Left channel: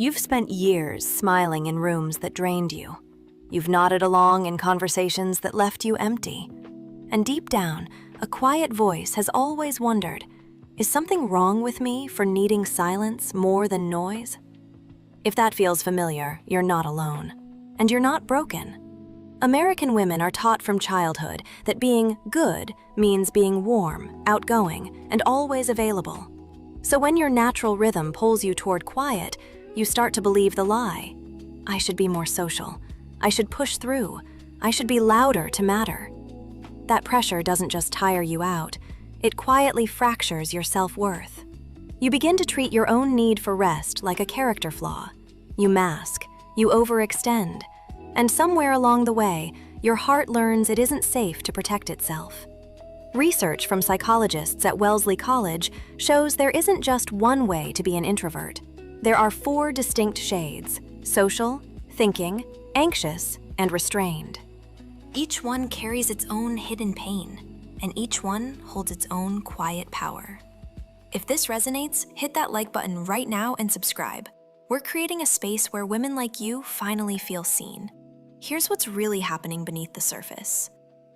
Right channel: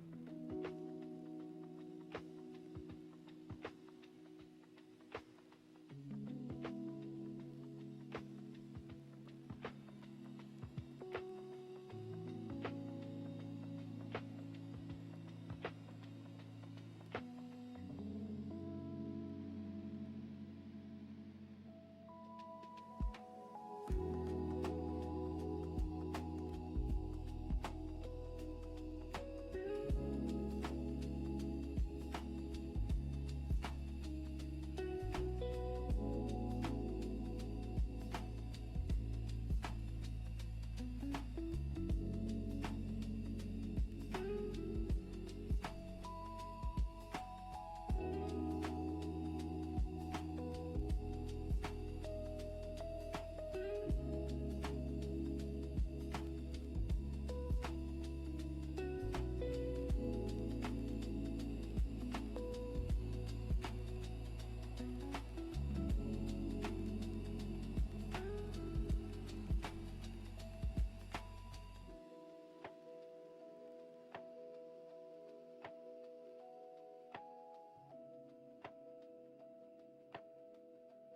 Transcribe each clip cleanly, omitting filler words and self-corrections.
You've spent years smiling in rooms that drained you. You've nodded along in conversations that left you empty. And deep down, a quiet voice has always wondered, is something wrong with me for needing silence more than noise? If that feels familiar, you're not alone. And you're not broken. American women are taught from childhood that being good means being warm, outgoing, and always available. So when your natural rhythm pulls you toward quiet, you start to believe the lie. I should be more social. I should push through. I should be louder to matter. That pressure doesn't just tire you out, it quietly fractures your self-worth. You begin to treat your own need for rest like a character flaw. You mask, you overextend, and somewhere along the way, your heart learns it isn't safe to protect itself. Research from psychologists at Wellesley College shows there isn't just one way to be an introvert. There are 4 distinct shades: social, thinking, anxious, and restrained. Each one carries its own hidden pain, and each one holds its own quiet power. If this resonates, hit that like button right now and subscribe. We're creating a space where women like you finally feel seen. Here's what's really happening beneath the surface.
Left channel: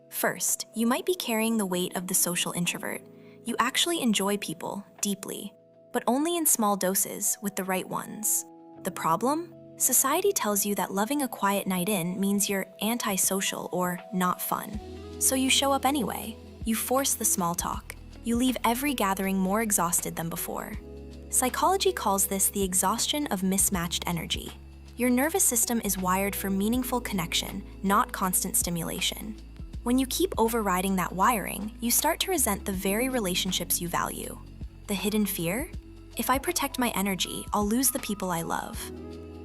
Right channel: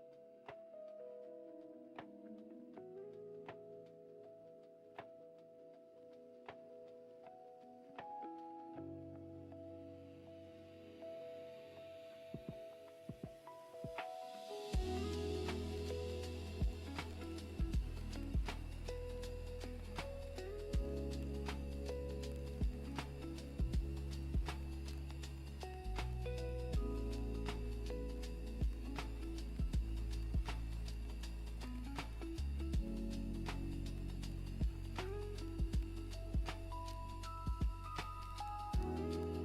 First, you might be carrying the weight of the social introvert. You actually enjoy people deeply, but only in small doses with the right ones. The problem? Society tells you that loving a quiet night in means you're antisocial or not fun. So you show up anyway. You force the small talk. You leave every gathering more exhausted than before. Psychology calls this the exhaustion of mismatched energy. Your nervous system is wired for meaningful connection, not constant stimulation. When you keep overriding that wiring, you start to resent the very relationships you value. The hidden fear? If I protect my energy, I'll lose the people I love.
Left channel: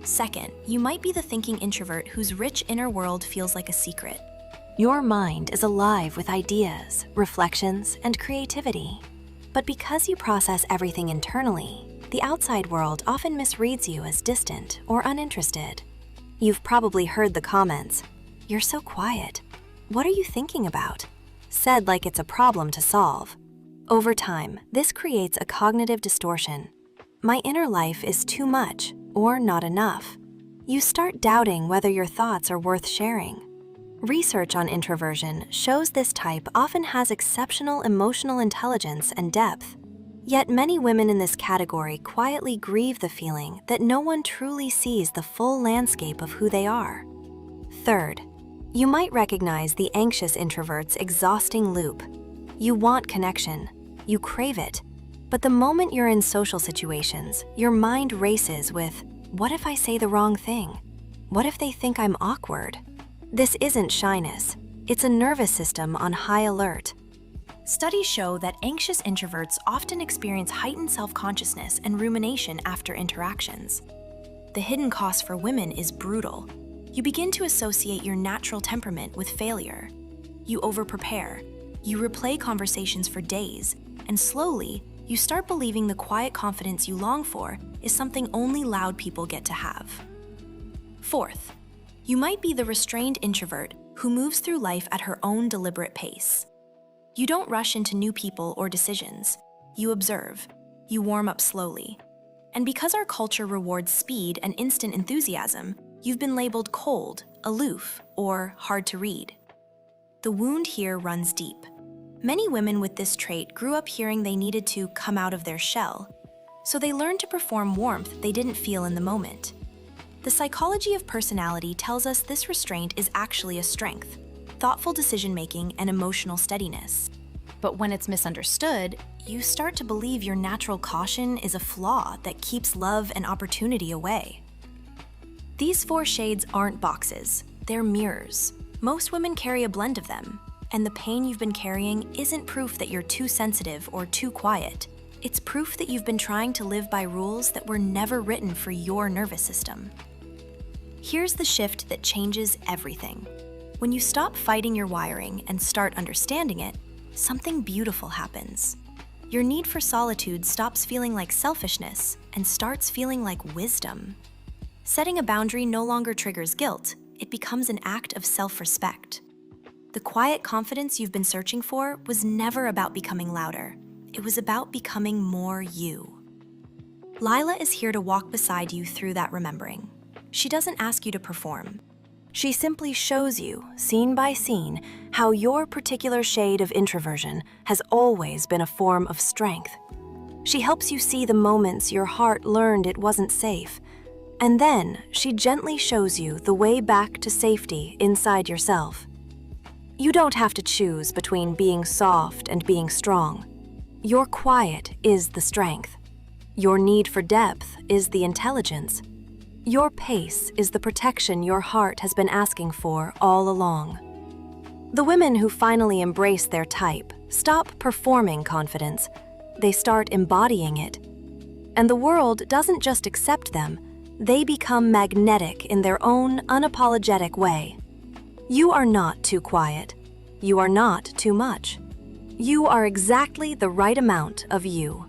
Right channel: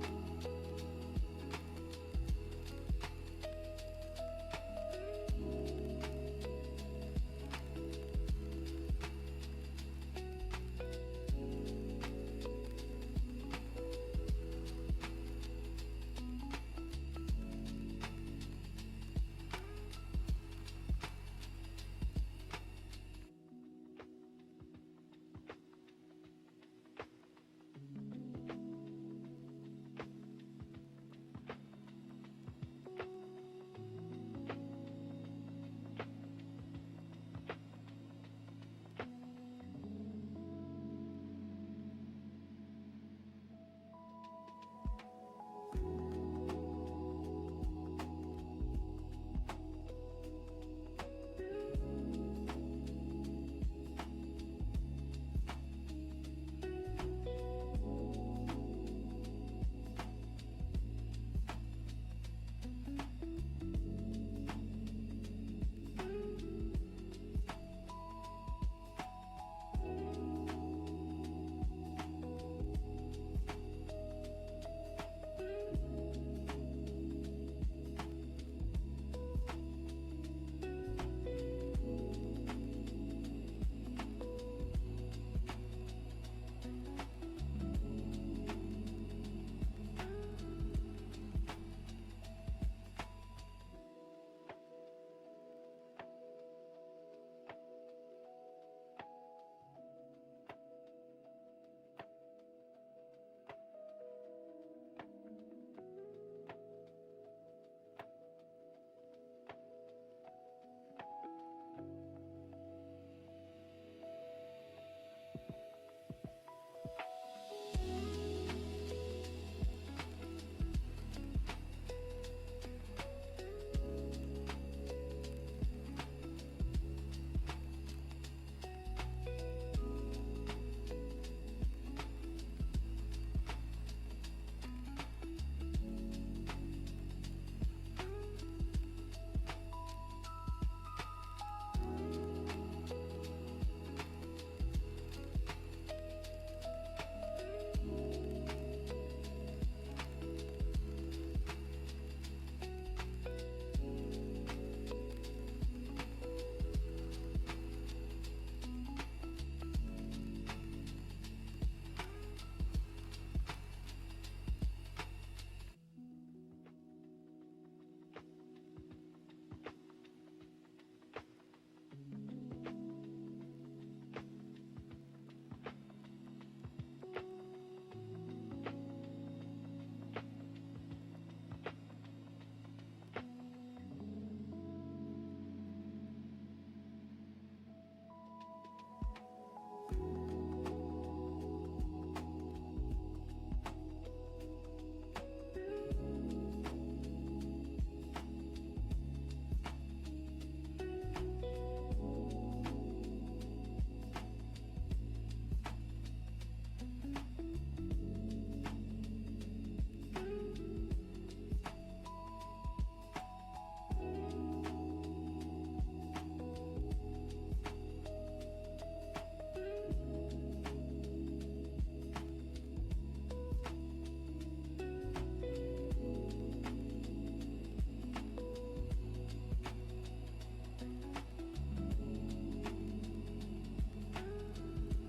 Second, you might be the thinking introvert whose rich inner world feels like a secret. Your mind is alive with ideas, reflections, and creativity. But because you process everything internally, the outside world often misreads you as distant or uninterested. You've probably heard the comments, "You're so quiet. What are you thinking about?" said like it's a problem to solve. Over time, this creates a cognitive distortion. My inner life is too much or not enough. You start doubting whether your thoughts are worth sharing. Research on introversion shows this type often has exceptional emotional intelligence and depth. Yet many women in this category quietly grieve the feeling that no one truly sees the full landscape of who they are. Third, you might recognize the anxious introvert's exhausting loop. You want connection, you crave it, but the moment you're in social situations, your mind races with, what if I say the wrong thing? What if they think I'm awkward? This isn't shyness, it's a nervous system on high alert. Studies show that anxious introverts often experience heightened self-consciousness and rumination after interactions. The hidden cost for women is brutal. You begin to associate your natural temperament with failure. You over-prepare, you replay conversations for days, and slowly, you start believing the quiet confidence you long for is something only loud people get to have. Fourth, you might be the restrained introvert who moves through life at her own deliberate pace. You don't rush into new people or decisions. You observe. You warm up slowly. And because our culture rewards speed and instant enthusiasm, you've been labeled cold, aloof, or hard to read. The wound here runs deep. Many women with this trait grew up hearing they needed to come out of their shell, so they learned to perform warmth they didn't feel in the moment. The psychology of personality tells us this restraint is actually a strength, thoughtful decision-making and emotional steadiness. But when it's misunderstood, you start to believe your natural caution is a flaw that keeps love and opportunity away. These 4 shades aren't boxes, they're mirrors. Most women carry a blend of them, and the pain you've been carrying isn't proof that you're too sensitive or too quiet. It's proof that you've been trying to live by rules that were never written for your nervous system. Here's the shift that changes everything. When you stop fighting your wiring and start understanding it, something beautiful happens. Your need for solitude stops feeling like selfishness and starts feeling like wisdom. Setting a boundary no longer triggers guilt, it becomes an act of self-respect. The quiet confidence you've been searching for was never about becoming louder. It was about becoming more you. Lila is here to walk beside you through that remembering. She doesn't ask you to perform. She simply shows you, scene by scene, how your particular shade of introversion has always been a form of strength. She helps you see the moments your heart learned it wasn't safe. And then she gently shows you the way back to safety inside yourself. You don't have to choose between being soft and being strong. Your quiet is the strength. Your need for depth is the intelligence. Your pace is the protection your heart has been asking for all along. The women who finally embrace their type stop performing confidence. They start embodying it. And the world doesn't just accept them, they become magnetic in their own unapologetic way. You are not too quiet. You are not too much. You are exactly the right amount of you.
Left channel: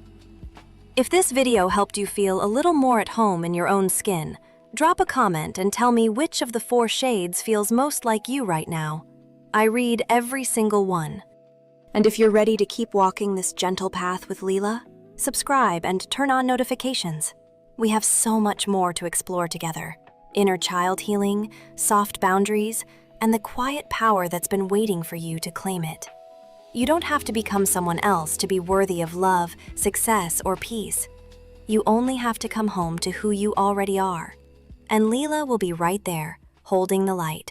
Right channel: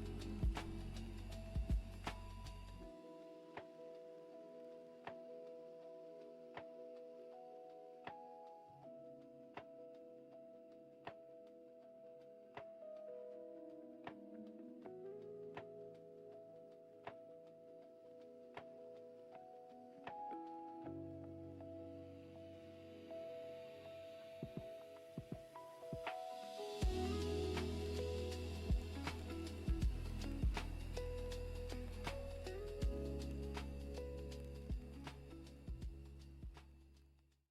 If this video helped you feel a little more at home in your own skin, drop a comment and tell me which of the 4 shades feels most like you right now. I read every single one. And if you're ready to keep walking this gentle path with Lila, subscribe and turn on notifications. We have so much more to explore together. Inner child healing, soft boundaries, and the quiet power that's been waiting for you to claim it. You don't have to become someone else to be worthy of love, success, or peace. You only have to come home to who you already are. And Lila will be right there, holding the light.